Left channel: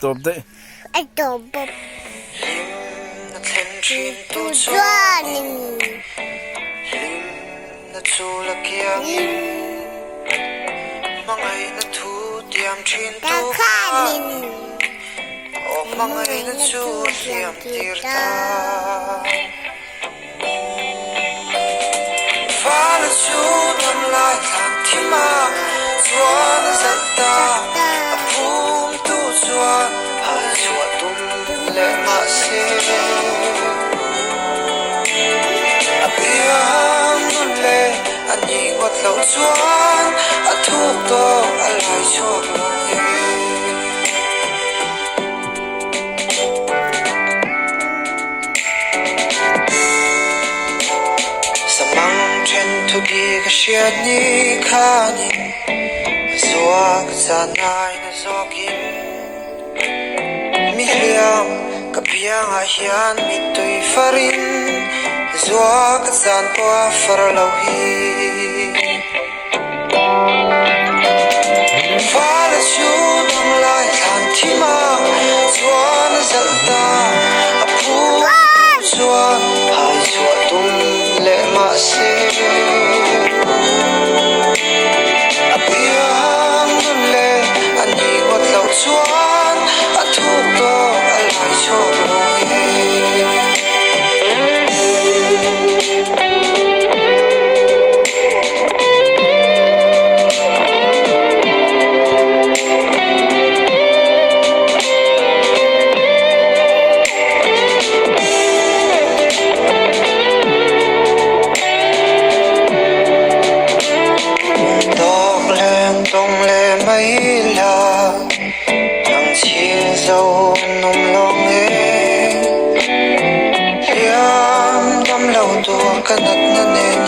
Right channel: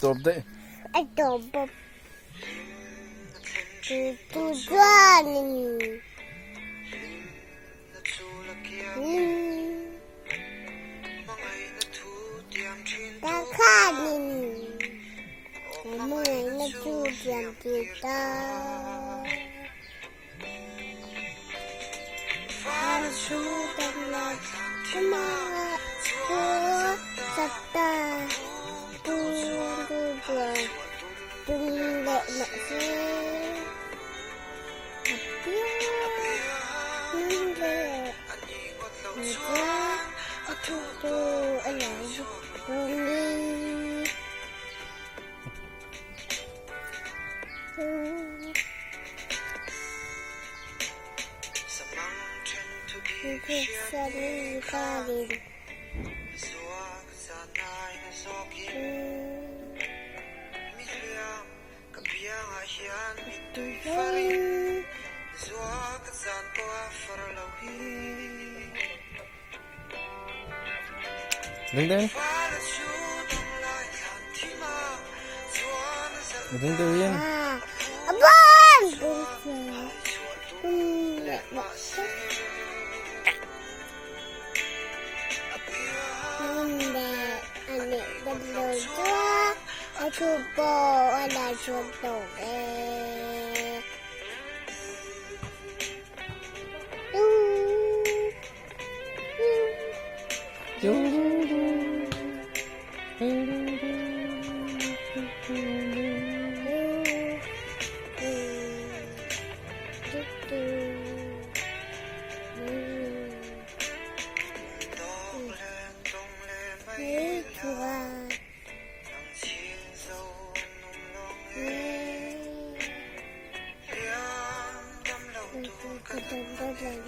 Top đấy. Ito po. Tujuanin. Kakanin. Mga natudyang kita. To be a shared nikani Zoak zanay na zokin Miliam kapiang ahian mitoy farin Zoak zan po farlawhi Falasyon ang lahat tima Zwan zalta Apun zwan Hay zwatum le masih kanat na nen